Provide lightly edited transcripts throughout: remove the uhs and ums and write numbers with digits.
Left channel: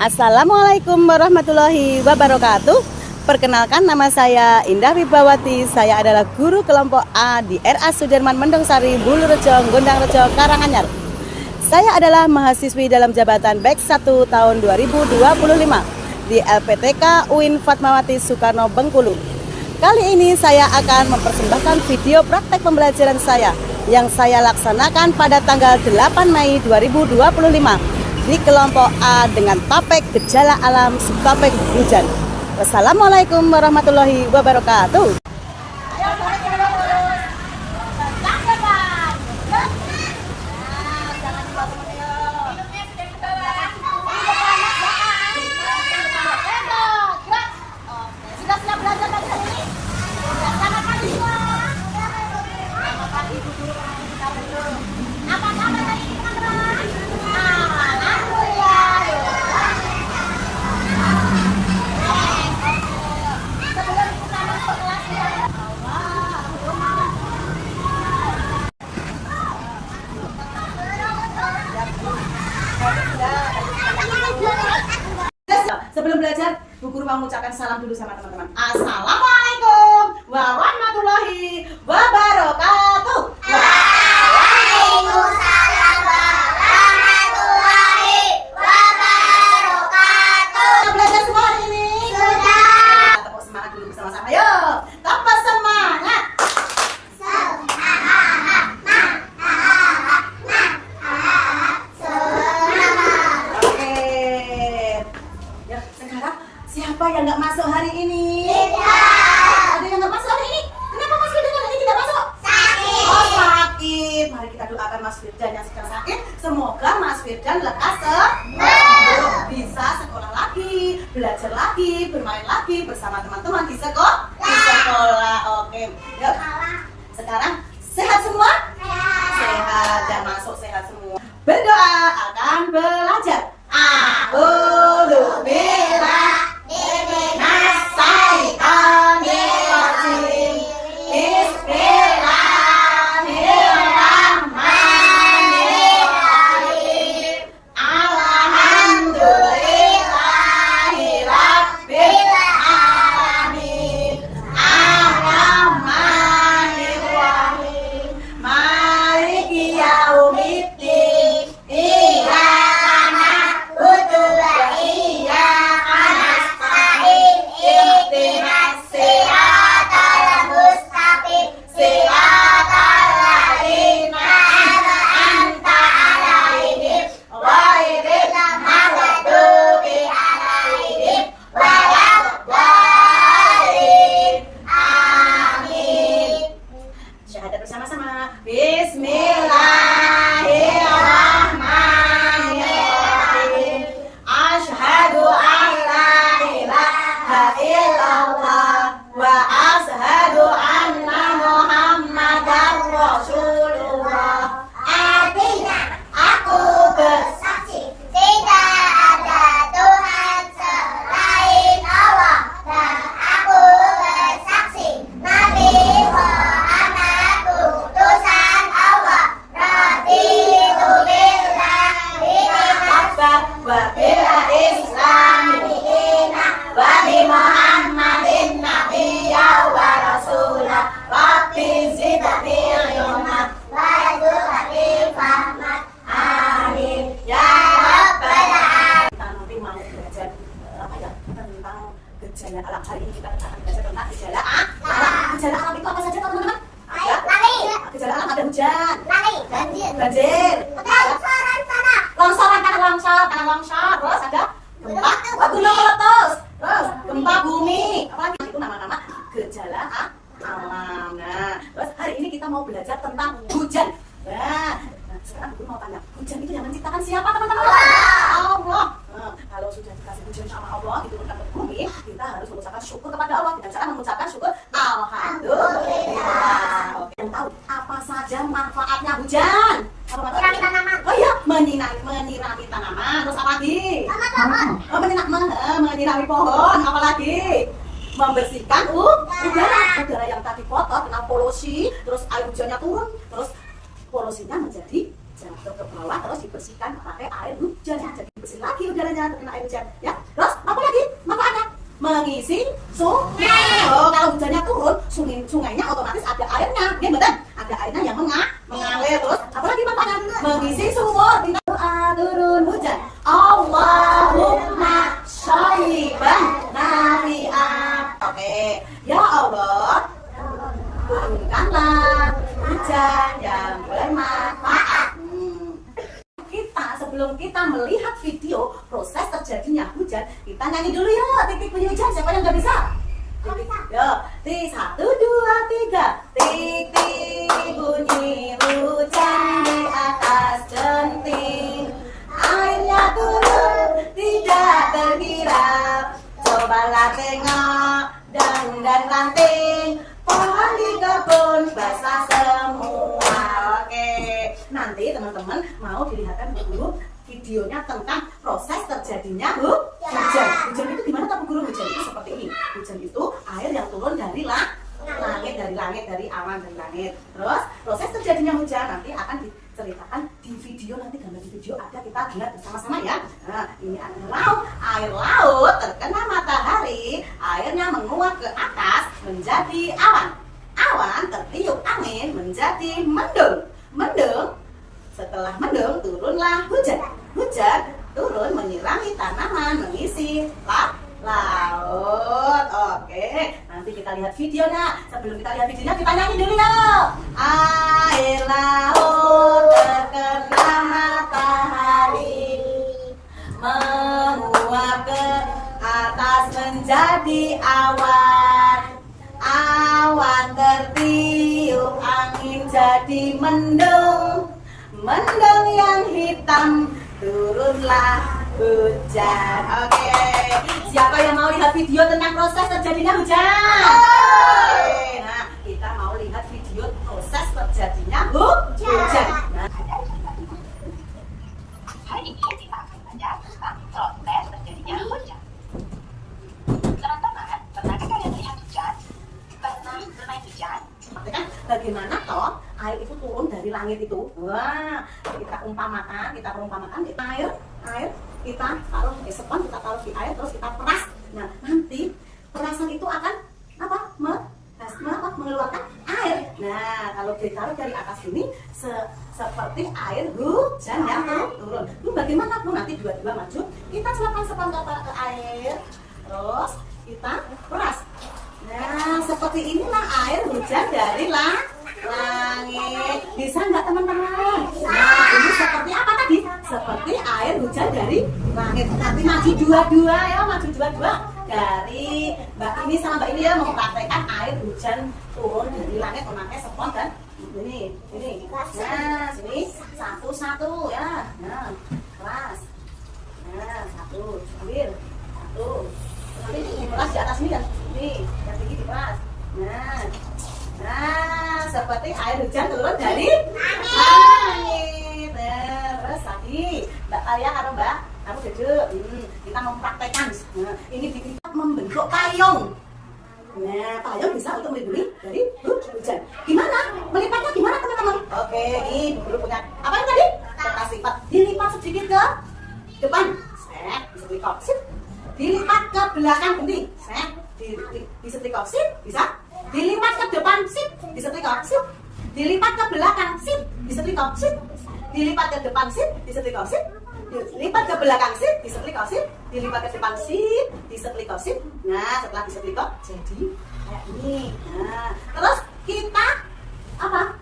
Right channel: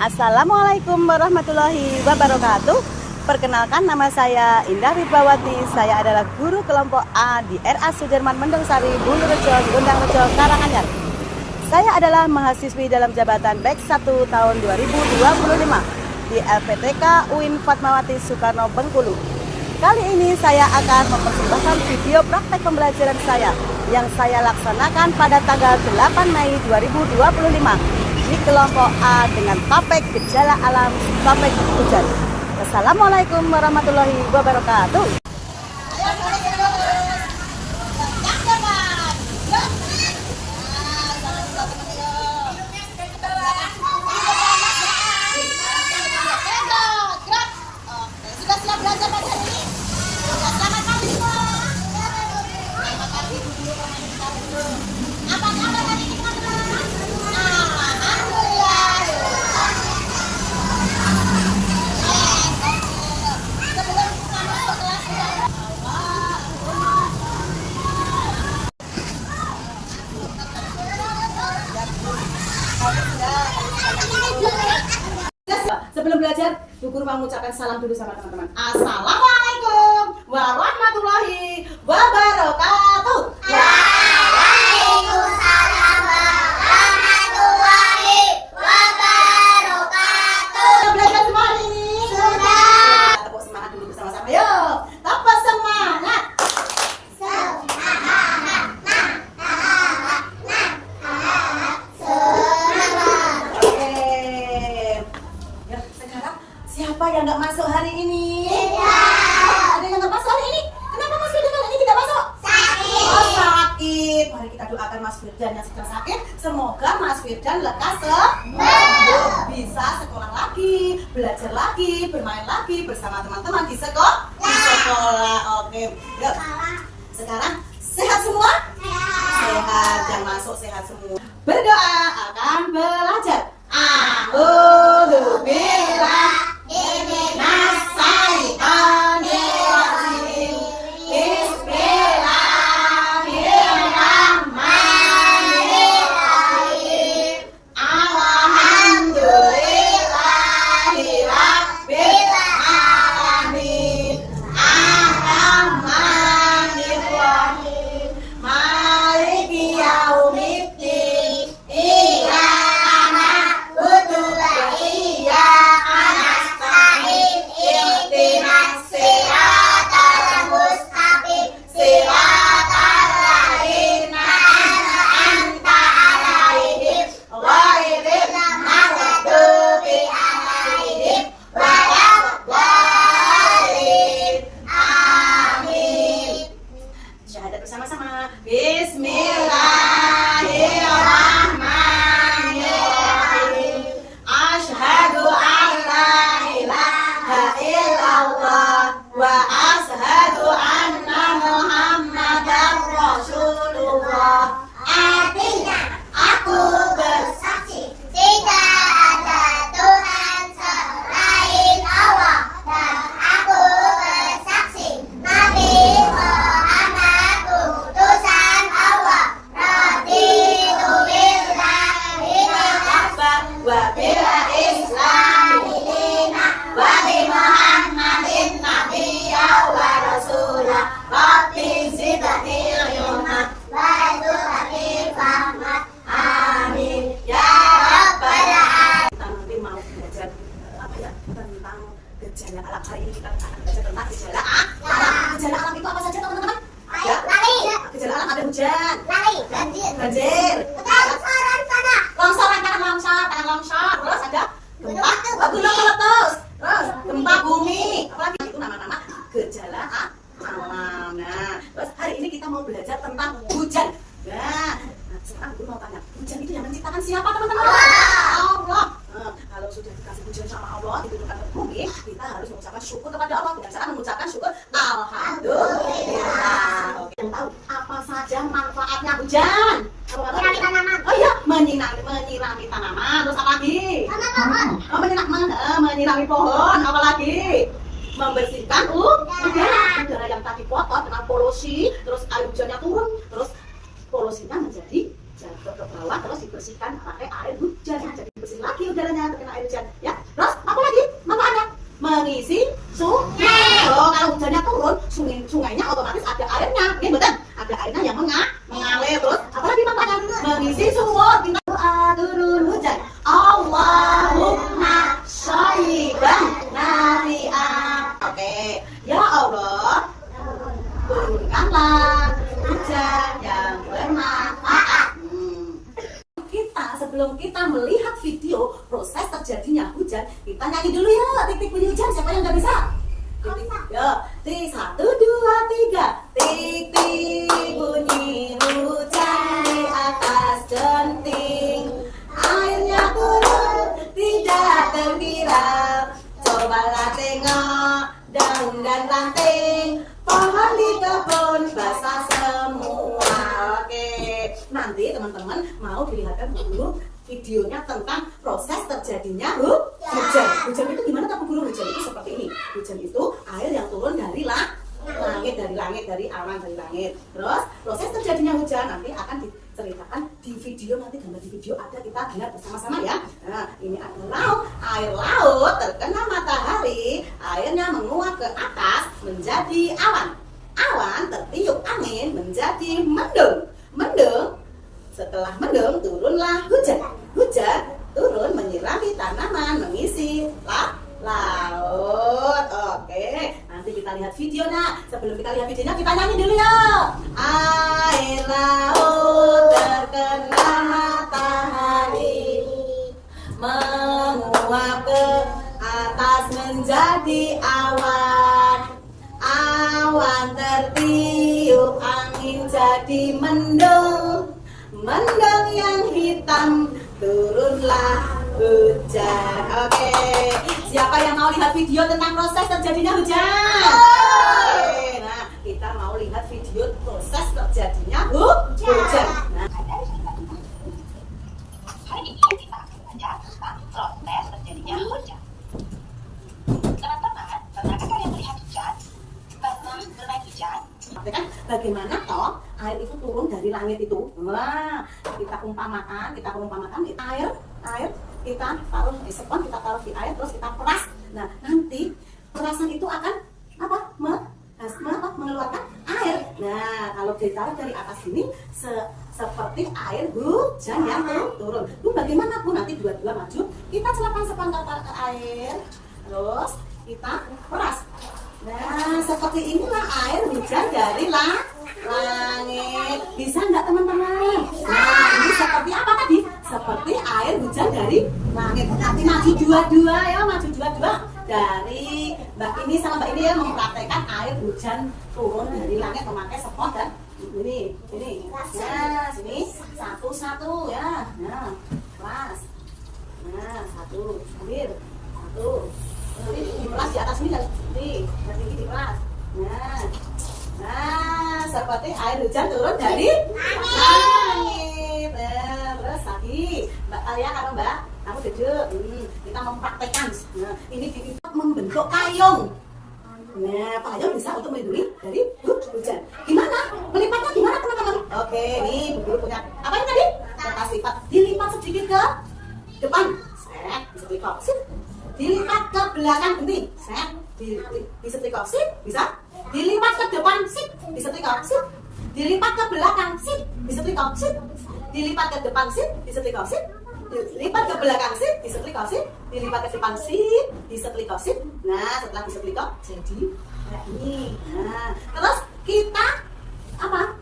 Assalamualaikum warahmatullahi wabarakatuh. Perkenalkan, nama saya Indah Wibawati. Saya adalah guru kelompok A di RA Sudirman Mendungsari, Bulurejo, Gondangrejo, Karanganyar. Saya adalah mahasiswi dalam jabatan BEK 1 tahun 2025 di LPTK UIN Fatmawati Soekarno Bengkulu. Kali ini saya akan mempersembahkan video praktek pembelajaran saya yang saya laksanakan pada tanggal 8 Mei 2025 di kelompok A dengan topik gejala alam topik hujan. Wassalamualaikum warahmatullahi wabarakatuh. Sebelum belajar, Bu Guru mau mengucapkan salam dulu sama teman-teman. Assalamualaikum warahmatullahi wabarakatuh. Waalaikumsalam warahmatullahi wabarakatuh. Sudah belajar semua hari ini? Sudah. Kita tepuk semangat dulu bersama-sama. Yuk, tepuk semangat. Oke. Ya, sekarang siapa yang nggak masuk hari ini? Tidak. Ada yang nggak masuk hari ini? Kenapa Mas Firdan hari ini tidak masuk? Sakit. Oh, sakit. Mari kita doakan Mas Firdan yang sedang sakit. Semoga Mas Firdan lekas sembuh, bisa sekolah lagi, belajar lagi, bermain lagi bersama teman-teman di sekolah. Oke. Yuk. Sekarang sehat semua? Sehat, yang masuk sehat semua. Berdoa akan belajar. A'udzu billahi minas syaitonir rajim. Bismillahirrahmanirrahim. Alhamdulillahi rabbil alamin. Ar-rahmanir rahim. Maliki yaumiddin. Iyyaka na'budu wa iyyaka nasta'in. Ihdinas siratal mustaqim. Siratal ladzina an'amta 'alaihim ghairil maghdubi 'alaihim waladdallin. Amin. Syahadat bersama-sama. Bismillahirrahmanirrahim. Asyhadu an la ilaha illallah wa asyhadu anna Muhammadar Rasulullah. Artinya, Aku bersaksi tidak ada Tuhan selain Allah, dan aku bersaksi Nabi Muhammad utusan Allah. Raditu billahi bersabar wa bil islami dina wa bi Muhammadin nabiyya wa rasulah. Rabbi zidni ilma Bantu hati fahmat. amin ya rabbal alamin. Kita nanti mau belajar apa ya, tentang gejala alam. Hari ini kita akan belajar tentang gejala alam. Gejala alam itu apa saja teman-teman? Ya, gejala alam ada hujan, Langit, banjir, banjir, longsoran tanah, longsoran tanah longsor, terus ada gempa gunung meletus, terus gempa bumi. Apalagi itu nama-nama gejala alam. Nah, terus hari ini kita mau belajar tentang hujan. Nah, sekarang aku mau tanya, hujan itu yang menciptakan siapa teman-teman? Allah. Kalau sudah dikasih hujan sama Allah diturunkan ke bumi, kita harus mengucapkan syukur kepada Allah dengan cara mengucapkan syukur alhamdulillah. Oke, yang tahu apa saja manfaatnya hujan? Apa menyirami tanaman, Oh iya, menyirami tanaman. Terus apa lagi? sama pohon, Menyirami pohon. Apa lagi? Membersihkan udara yang tadi kotor kena polusi, terus air hujannya turun, terus polusinya menjadi jahat. ke bawah, terus dibersihkan pakai air hujan. Jadi bersih lagi udaranya terkena air hujan. Ya, terus apa lagi manfaatnya? Mengisi sungai. Oh, kalau hujannya turun, sungainya otomatis ada airnya. Ini betul, ada airnya yang mengalir. Terus apa lagi manfaatnya? Mengisi sumur. Kita doa turun hujan. Allahumma shayyiban nafi'an. Oke, ya Allah, turunkanlah hujan yang bermanfaat. Sebelum kita melihat video proses terjadinya hujan, kita nyanyi dulu ya titik bunyi hujan. Siapa yang nggak bisa? Titik 1, 2, 3. Titik bunyi hujan di atas genting, airnya turun tidak terkira. Cobalah tengok daun dan ranting, pohon di kebun basah semua. Oke, nanti teman-teman mau dilihatkan dulu videonya tentang proses terjadinya hujan. Hujan itu gimana tak guru? Hujan itu seperti ini. Hujan itu air yang turun dari langit, dari awan, dari langit. Terus proses terjadinya hujan nanti akan diceritakan di video, nanti gambar di video ada, kita dengar bersama-sama ya. Nah, ini ada laut, air laut terkena matahari, airnya menguap ke atas menjadi awan. Awan tertiup angin menjadi mendung. Setelah mendung turunlah hujan. Hujan turun menyirami tanaman, mengisi laut. Oke, nanti kita lihat videonya. Sebelum kita lihat videonya, kita nyanyi dulu ya. Air laut terkena matahari, menguap ke atas menjadi awan. Awan tertiup angin jadi mendung. Mendung yang hitam turunlah hujan. Oke, siapa yang mau lihat video tentang proses terjadinya hujan? Oke, nah kita mau lihat video proses terjadinya hujan. Nah, hari ini kita akan belajar tentang proses terjadinya hujan. Teman-teman, pernahkah kalian melihat hujan? Pernah bermain hujan? kan bagaimana toh air itu turun dari langit itu. Wah, kita perumpamakan air kita taruh spons, kita taruh di air, terus kita peras. Nah, nanti perasan itu akan mengeluarkan air. Nah, kalau ditaruh dari atas ini seperti air hujan yang turun. Bagaimana pun nanti dua-dua maju, kita celupkan spons ke air, terus kita peras. Nah, seperti inilah air hujan dari langit. Bisa nggak teman-teman? Nah, ini seperti apa tadi? Seperti air hujan dari langit. Nanti maju dua-dua ya, maju dua-dua. Dari Mbak ini sama Mbak ini ya mempraktekkan air hujan turun dari langit memakai spons dan ini. Nah, sini satu-satu ya. Nah, kelas. Nah, satu, ambil satu. Ini diperas di atas ini dan ini yang tinggi diperas. Nah, seperti air hujan turun dari langit. Nah, terus lagi Mbak Taya atau Mbak, kamu duduk. Kita mempraktekkan. Nah, ini kita membentuk payung. Nah, payung bisa untuk melindungi dari hujan. Gimana? Melipatnya gimana teman-teman? Oke, ini dulu punya apa yang tadi? Kertas lipat. Dilipat sedikit ke depan. Bisa dilipat. Dilipat ke belakang ini, disetrika, bisa. Dilipat ke depan, disetrika, dilipat ke belakang, disetrika, dilipat ke depan, disetrika, dilipat ke belakang, disetrika, dilipat ke depan, disetrika. Nah, setelah disetrika jadi kayak ini. Nah, terus kita apa?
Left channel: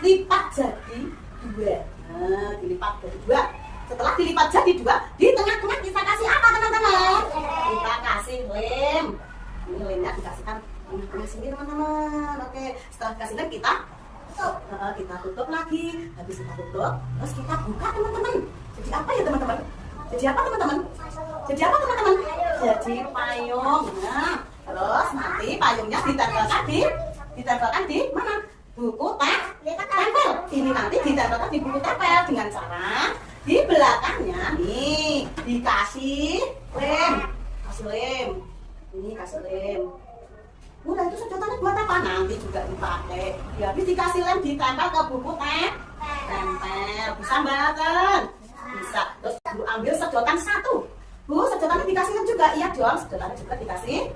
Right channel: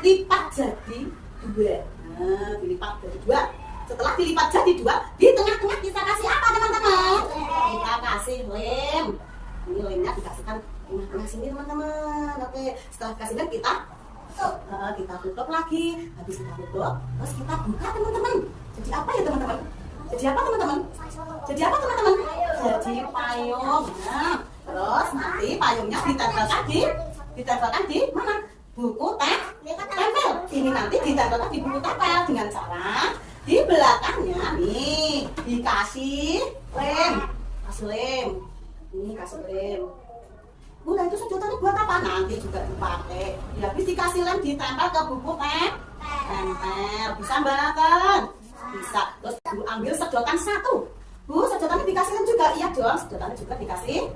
Lipat jadi dua. Nah, dilipat jadi dua. Setelah dilipat jadi dua, di tengah-tengah kita kasih apa teman-teman? Kita kasih lem. Ini lemnya dikasihkan tengah-tengah sini teman-teman. Oke, setelah dikasih lem kita tutup lagi. Habis kita tutup, terus kita buka teman-teman. Jadi apa ya teman-teman? Jadi payung. Nah, terus nanti payungnya ditempelkan di mana? Buku tempel. Ini nanti ditempelkan di buku tempel dengan cara di belakangnya nih dikasih lem. Ini kasih lem. Udah, itu sedotannya buat apa? Nanti juga dipakai. Habis dikasih lem ditempel ke buku tempel. tempel. Bisa mbak kan? Bisa. Terus Bu ambil sedotan satu. Bu, sedotannya dikasihkan juga. Iya dong, sedotannya juga dikasih.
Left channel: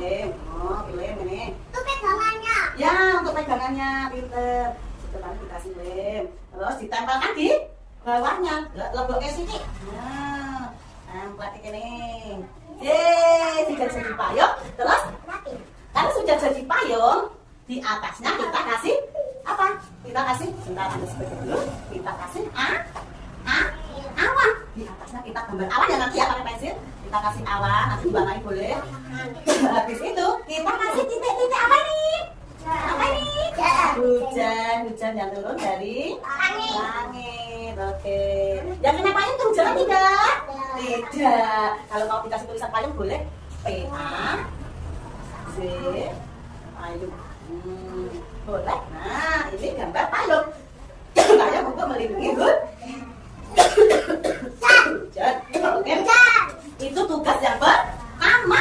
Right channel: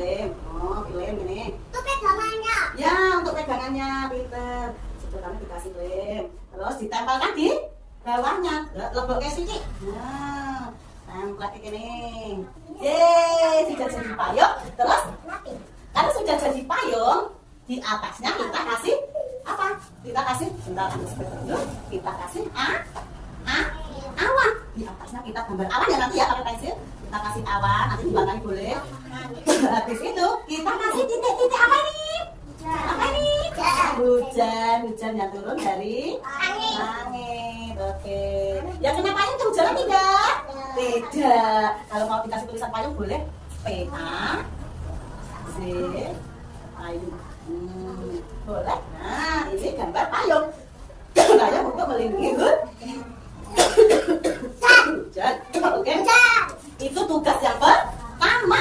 Lem. Oh, lem ini. Itu pegangannya. Ya, untuk pegangannya pinter. Sedotannya dikasih lem. Terus ditempelkan di bawahnya. Lebok ke sini. Nah, tempel ini. Yeay, sudah jadi payung. Terus, kalau sudah jadi payung, di atasnya kita kasih apa? Kita kasih, bentar ambil seperti dulu. Kita kasih awan. Di atasnya kita gambar awan ya nanti ya pakai pensil. Kita kasih awan, nanti diwarnai boleh. Habis itu kita kasih titik-titik apa ini? Apa ini? Hujan yang turun dari langit. Oke. Yang kena payung itu hujan tidak? Tidak. Kalau mau dikasih tulisan payung boleh PA C payung. Boleh. Nah, ini gambar payung. Payung untuk melindungi hujan. Oke. Itu tugas yang pertama.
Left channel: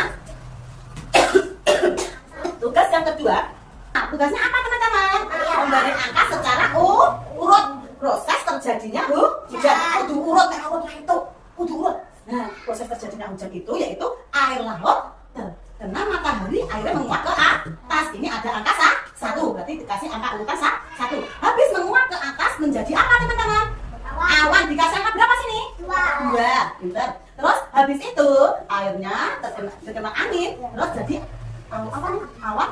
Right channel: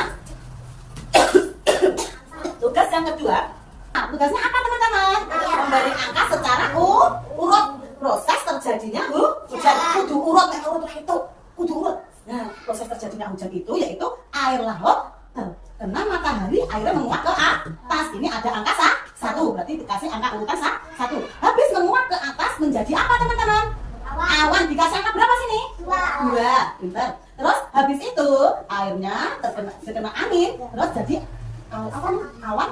Tugas yang kedua. Nah, tugasnya apa teman-teman? Memberi angka secara urut. Proses terjadinya hujan. Kudu urut itu. Kudu urut. Nah, proses terjadinya hujan itu yaitu air laut terkena matahari, airnya menguap ke atas. Ini ada angka 1, berarti dikasih angka urutan 1. Habis menguap ke atas menjadi apa teman-teman? Awan. Dikasih angka berapa sini? 2. Pintar. Terus habis itu airnya terkena angin, terus jadi awan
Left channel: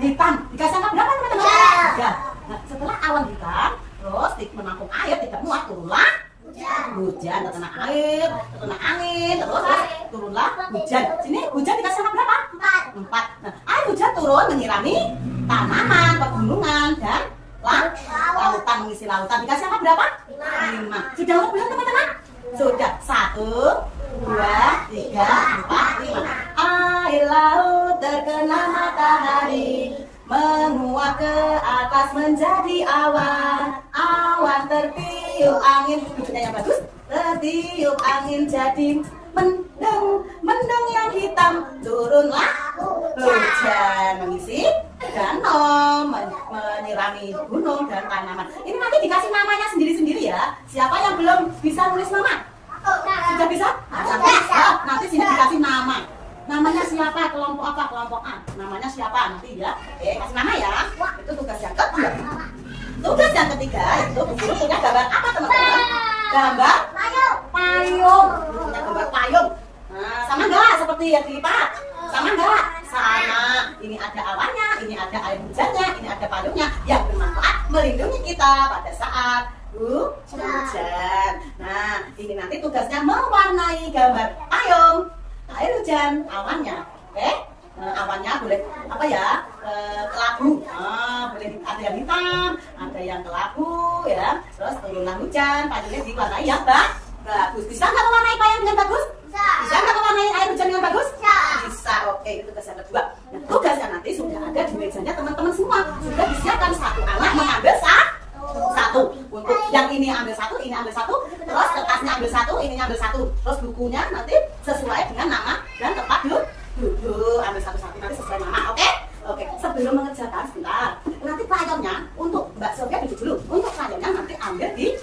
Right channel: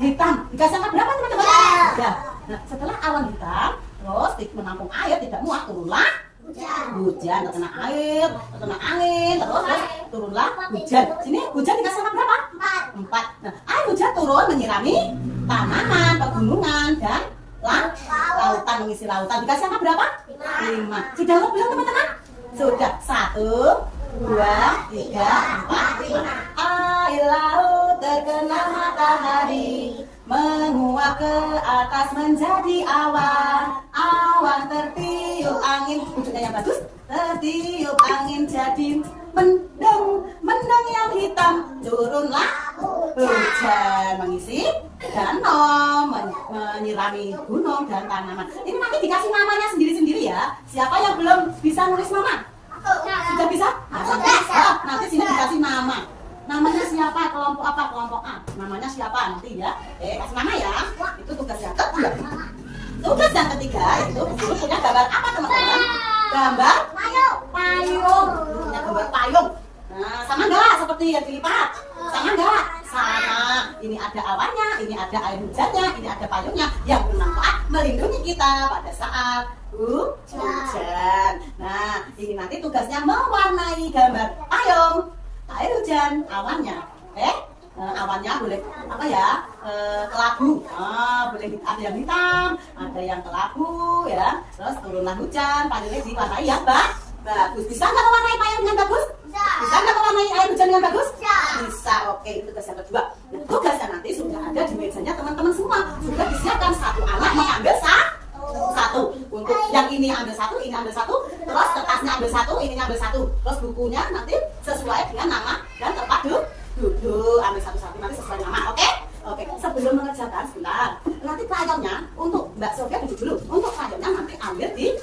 hitam. Dikasih angka berapa teman-teman? 3. Nah, setelah awan hitam, terus menampung air tidak muat, turunlah hujan, terkena air, terkena angin, terus turunlah hujan. Sini hujan dikasih angka berapa? 4. Nah, air hujan turun menyirami tanaman, pegunungan dan lautan, mengisi lautan. Dikasih angka berapa? 5. Sudah urut belum teman-teman? Sudah. 1, 2, 3, 4, 5. Air laut terkena matahari, menguap ke atas menjadi awan. Awan tertiup angin, wujudnya yang bagus. Tertiup angin jadi mendung yang hitam, turunlah hujan mengisi danau, menyirami gunung dan tanaman. Ini nanti dikasih namanya sendiri-sendiri ya. Siapa yang belum bisa nulis nama? Sudah bisa? Nanti sini dikasih nama. Namanya siapa? Kelompok apa? Kelompok A. Namanya siapa? Nanti ya. Kasih nama ya. Itu tugas yang kedua. Tugas yang ketiga itu guru punya gambar apa teman-teman? Gambar payung. Punya gambar payung. Nah, sama enggak seperti yang dilipat? Sama enggak? Sama. Ini ada awannya, ini ada air hujannya, ini ada payungnya yang bermanfaat melindungi kita pada saat hujan. Nah, ini nanti tugasnya mewarnai gambar payung, air hujan, awannya. Oke? Awannya boleh apa ya? Kelabu. Boleh ada yang hitam, ada yang kelabu ya. Terus turunlah hujan, payungnya diwarnai yang bagus. Bisa nggak mewarnai payung dengan bagus? Bisa nggak mewarnai air hujan dengan bagus? Bisa. Oke, itu tugas yang kedua. Nah, tugasnya nanti sudah ada di mejanya teman-teman semua. Sudah disiapkan satu anak mengambil satu. Untuk yang ini ambil satu, ini ambil satu. Terus kertasnya ambil satu, ini ambil satu. Terus bukunya nanti sesuai dengan nama dan tempat duduk. Ambil satu-satu nanti sesuai nama. Oke? Oke. Sebelum mengerjakan sebentar. Nanti payungnya untuk Mbak Sofia duduk dulu. Untuk payungnya nanti ambil di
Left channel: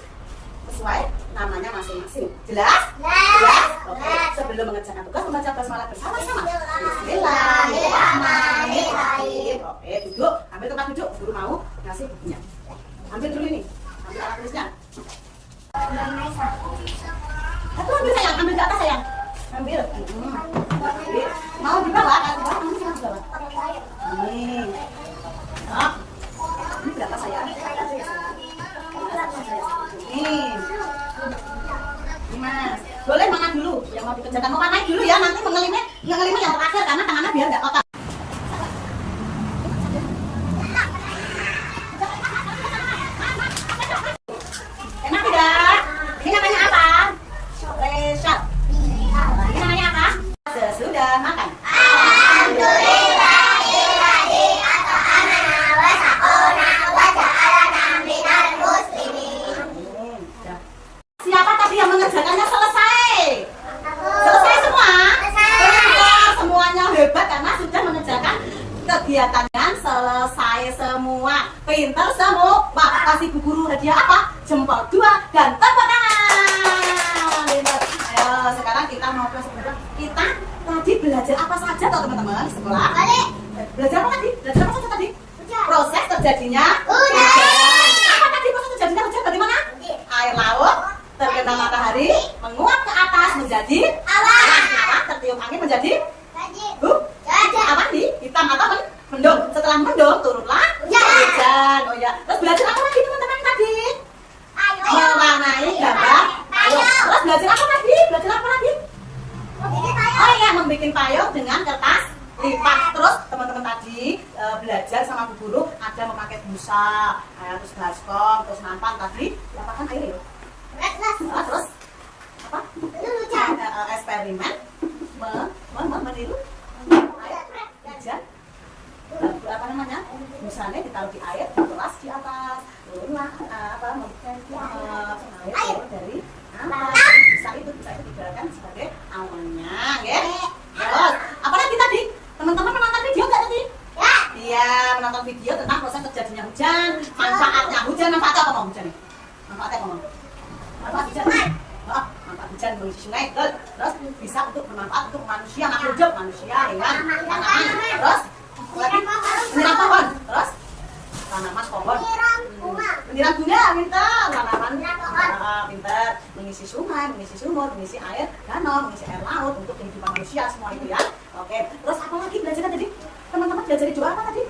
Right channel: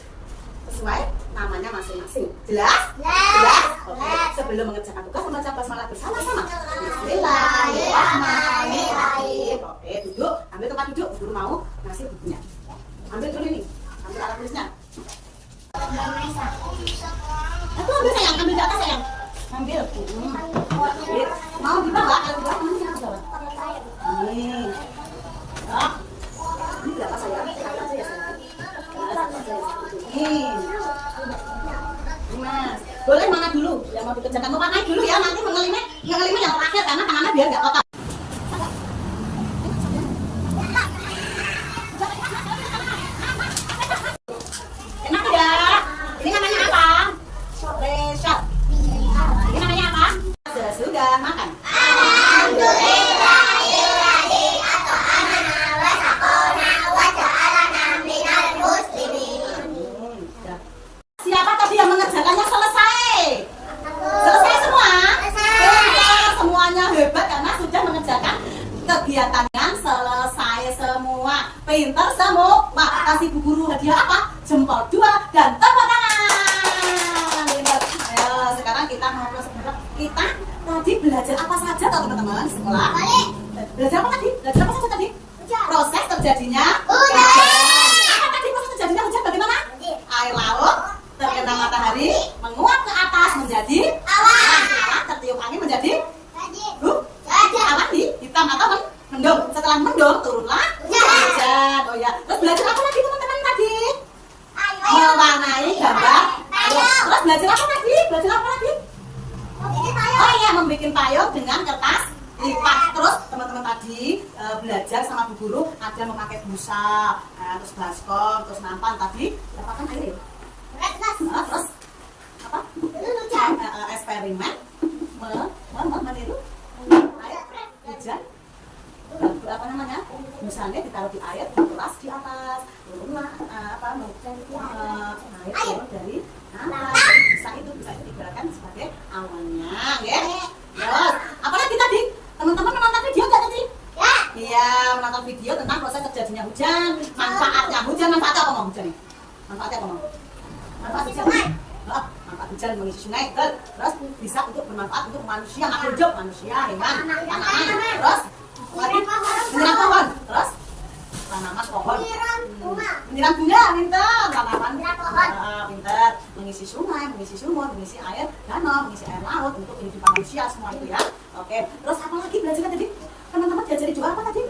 sesuai namanya masing-masing. Jelas? Jelas? Oke. Sebelum mengerjakan tugas membaca basmalah bersama-sama. Bismillahirrahmanirrahim. Oke, duduk. Ambil tempat duduk. Guru mau ngasih bukunya. Ambil dulu ini. Ambil alat tulisnya. Aku ambil sayang. Ambil di atas sayang. Ambil. Ambil. Mau di bawah? Di bawah. Ini di bawah. Ini. Oh. Ini berapa sayang? Ini. Mas, boleh mana dulu? Yang mau dikerjakan mau panai dulu ya. Nanti mengelimnya yang terakhir karena tangannya biar nggak kotor. Enak tidak? Ini namanya apa? Resort. Ini namanya apa? Sudah makan. Siapa tadi yang mengerjakannya selesai? Selesai semua? Semuanya hebat karena sudah mengerjakan kegiatannya selesai semua. Pintar semua. kasih Bu Guru hadiah apa? Jempol 2 dan tepuk tangan. Ayo, sekarang kita mau ke sekolah. Kita tadi belajar apa saja toh teman-teman di sekolah? Belajar apa tadi? Belajar apa saja tadi? Proses terjadinya hujan. Apa tadi proses terjadinya hujan bagaimana? Air laut terkena matahari menguap ke atas menjadi awan. Tertiup angin menjadi awan di hitam atau mendung. Setelah mendung turunlah hujan. Oh ya. Terus belajar apa lagi teman-teman tadi? Mewarnai gambar payung. Terus belajar apa tadi? Belajar apa lagi? Oh iya, membuat payung dengan kertas lipat. Terus teman-teman tadi belajar sama Bu Guru ada memakai busa, terus baskom, terus nampan tadi apakan air ya? Terus apa? Eksperimen meniru air hujan. Apa namanya? Misalnya ditaruh di air, keras di atas, turunlah air turun dari atas. Bisa itu digunakan sebagai awannya, ya. Terus, apalagi tadi? Teman-teman menonton video nggak tadi? Iya, menonton video tentang proses terjadinya hujan, manfaatnya hujan, manfaatnya apa mau hujan nih? Manfaatnya apa mau? Manfaat hujan. Manfaat hujan mengisi sungai, terus bisa untuk bermanfaat untuk manusia, makhluk hidup, manusia, hewan, tanaman, terus menyiram pohon, terus tanaman pohon, menyiram bunga, pintar, tanaman, pintar, mengisi sungai, mengisi sumur, mengisi air danau, mengisi air laut untuk kehidupan manusia semua itu ya. Oke, terus apa lagi belajarnya tadi? Teman-teman belajar doa apa tadi?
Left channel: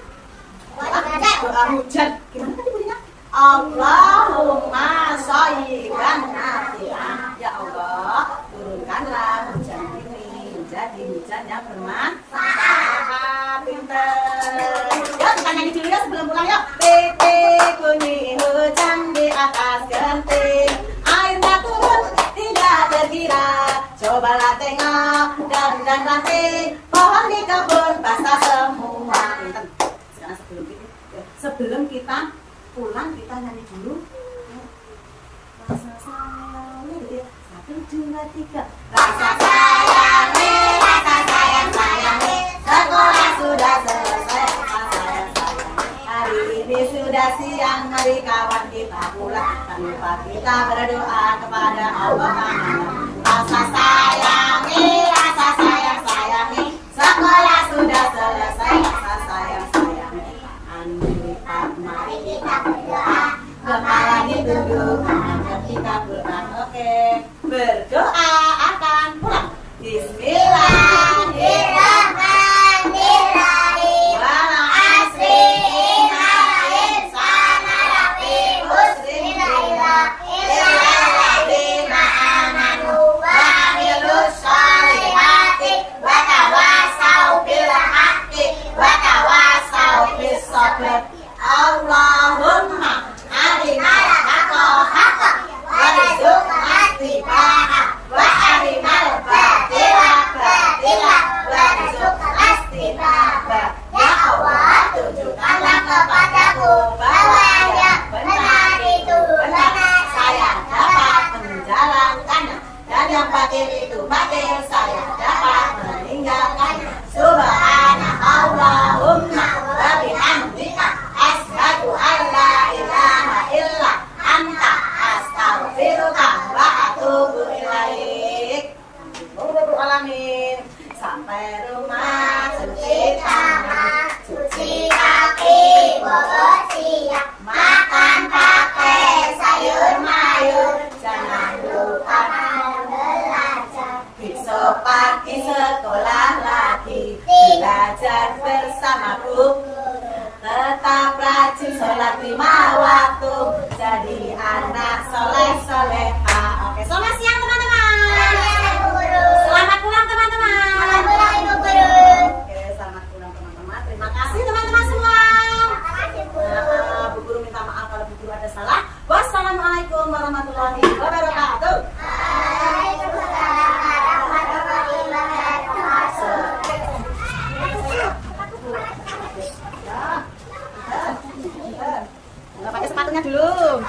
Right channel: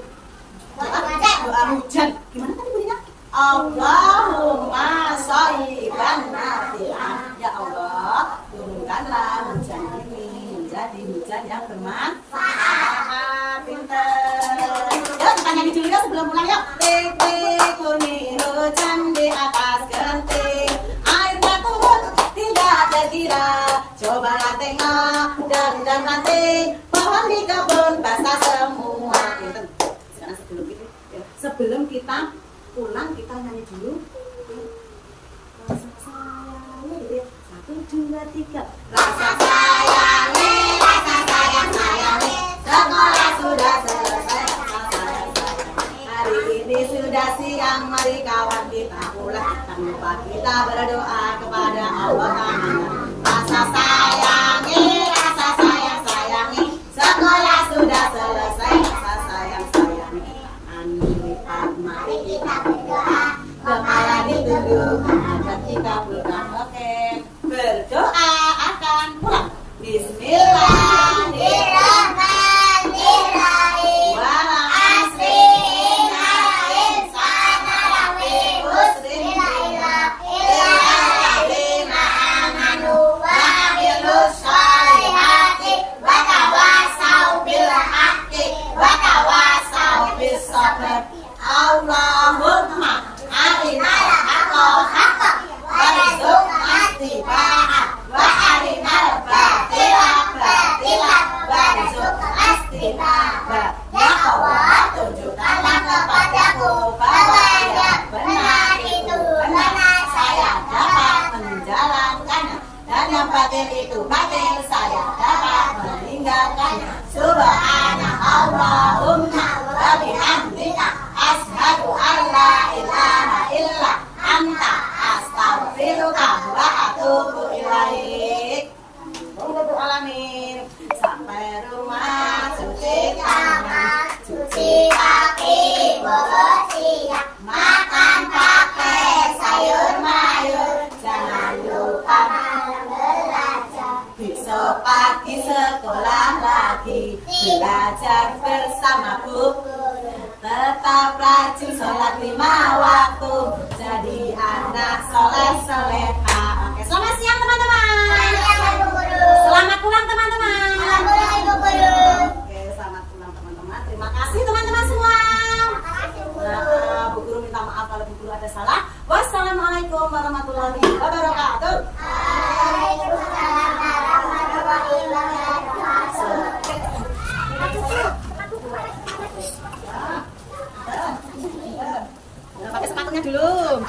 Doa hujan. Gimana tadi bunyinya? Allahumma shayyiban nafi'an. Ya Allah, turunkanlah hujan ini menjadi hujan yang bermanfaat. Pintar. Yuk kita nyanyi dulu ya sebelum pulang yuk. Titik bunyi hujan di atas genting, airnya turun tidak terkira. Cobalah tengok dan nanti pohon di kebun basah semua. Sebelum kita pulang kita nyanyi dulu. Rasa sayang, 1, 2, 3. Rasa sayang, sekolah sudah selesai. Hari ini sudah siang, mari kawan kita pulang. Jangan lupa kita berdoa kepada Allah. Rasa sayangi, sekolah sudah selesai. Rasa sayang, mari kita berdoa. Kepala ditunduk, angkat kita pulang. Oke, berdoa akan pulang. Bismillahirrahmanirrahim. Wal asri innal insana lafi khusrin illalladzina amanu wa amilus sholihati wa tawassaw bil haqqi wa tawassaw bis sabr. Allahumma arinal haqqa haqqan warzuqna ittiba'ah wa arinal batila batilan warzuqna ijtinabah. Ya Allah, tunjukkanlah kepadaku bahwa yang benar itu benar, saya dapat menjalankannya, dan yang batil itu batil, saya dapat meninggalkannya. Subhanallahumma wa bihamdika asyhadu an la ilaha illa anta astaghfiruka wa atubu ilaik. Alamin. Sampai rumah cuci tangan, cuci kaki, bawa siap, makan pakai sayur mayur, jangan lupa belajar. Besok pagi sekolah lagi, belajar bersama Bu. Tetap rajin sholat 5 waktu, jadi anak soleh-soleha. Oke, selamat siang teman-teman. Selamat pulang teman-teman. Oke, selamat pulang teman-teman. Terima kasih teman-teman semua. Bu Guru minta maaf kalau Bu Guru ada salah. Wassalamualaikum warahmatullahi wabarakatuh. Pakai sepatunya dulu.